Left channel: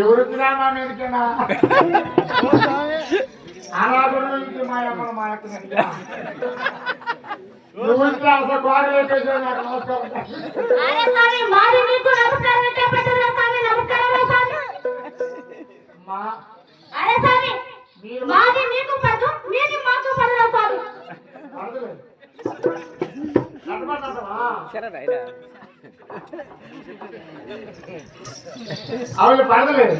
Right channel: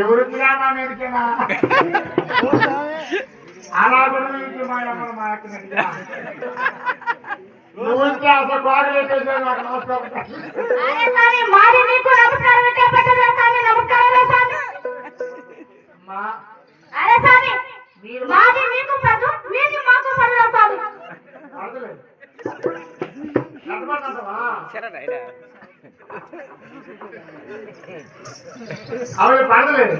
ఎవరున్నా అలా గురించి మా అమ్మ మాట్లాడినట్టుగా అసలు గోడ వేసేసాను. నాకు నమస్కారం. అవును పడలేదు.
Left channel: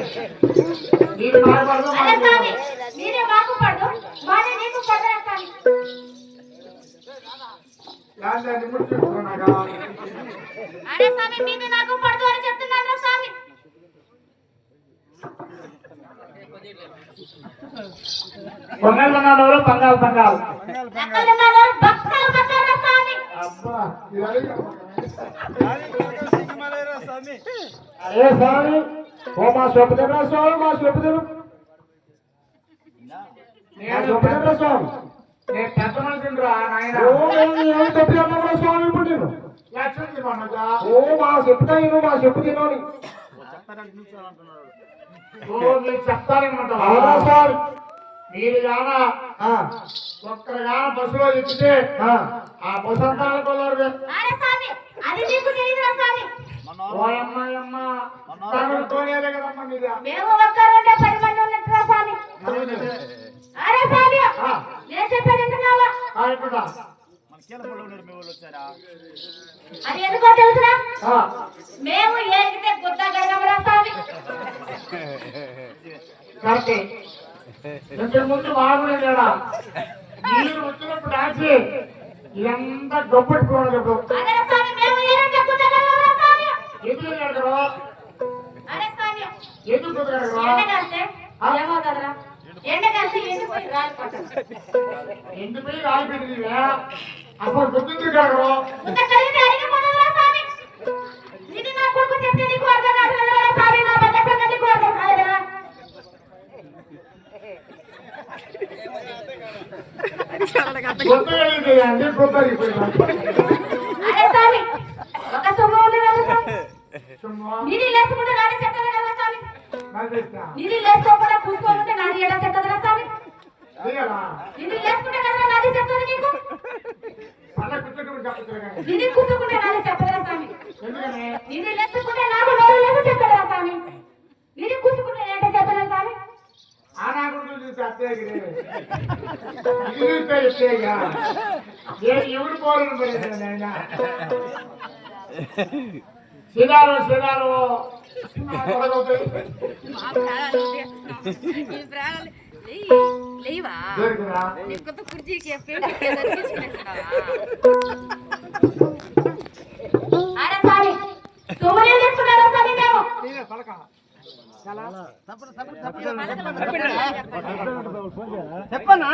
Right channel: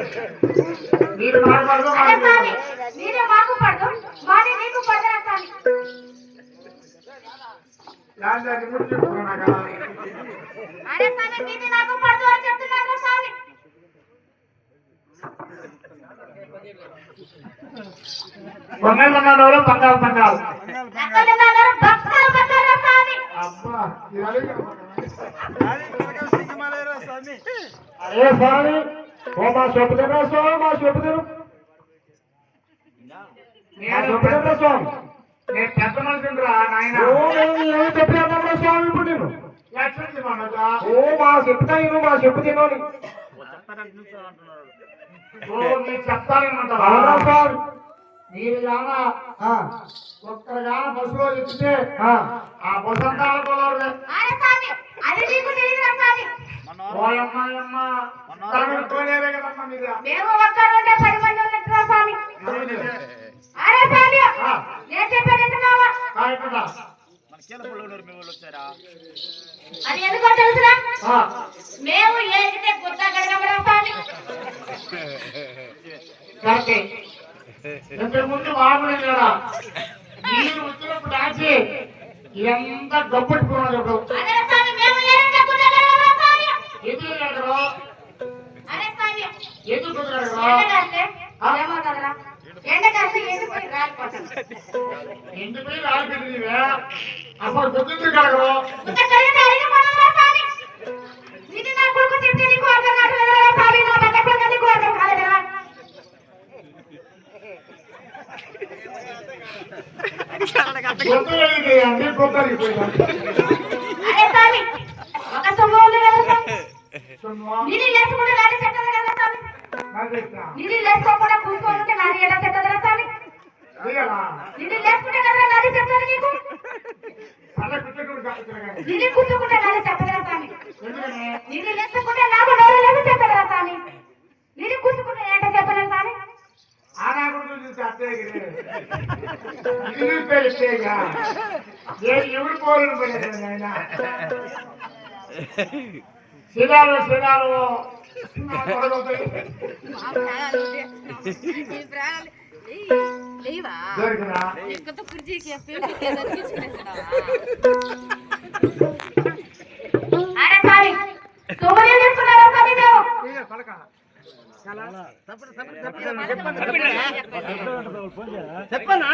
మీరు మాట్లాడదు కొన్నాళ్ళు పంగాలు పంగాలు అబ్బా అరే స్వామి ఓ మా చెప్పుదరా స్వామి మా చెప్పుదరు స్వామి నేను పెద్ద మనిషిరా నాయన. ఏం చెప్పినా స్వామి ఇప్పుడు నేను ఓ మా చెప్తాను మా చెప్పు తినని మీరు చెప్తానేమంటారా స్వామి. మీరు గాన ఒక్కరు గాన పశువులు ఎత్తితే ఆ పశుంతాల కొలవరు ఓయమ్మ తోలేరే కదమ్మా మీద అది ఎందుకో తెలుసురా మేము ఏగితే గుడ్డ గడగబడా స్వామి. ముందు బాగుండే కదా మీరు వచ్చినప్పుడు దాచి ఇదంతా గొప్పట్టుకున్నాడు. ఎందుకు ఎండిపోయి రాలిపోయింది అసలు గుర్తించి కడగరు. గుర్తు వెళ్ళింది అన్ని గుర్తు ఇది లేసుకోకుండా కూర్చోనుంటే నాది ఎలా సెట్ అవుతుందా స్వామి? ఇది లేసుకుంటే కదా నాది సెట్ అవుతుంది నీకు. ఇది కూర్చుకుంటే నాది సెట్ అవుతుందా స్వామి? ఇది లేసుకుంటే నాకు వేరే లేదు సెట్ అవుతుందా స్వామి? ఇది కూర్చుకుంటే ఏంటో చెప్పలేదు స్వామి. ఎవరు పోరు ఆయన శిలాలు శిలాలు చెప్పన్నా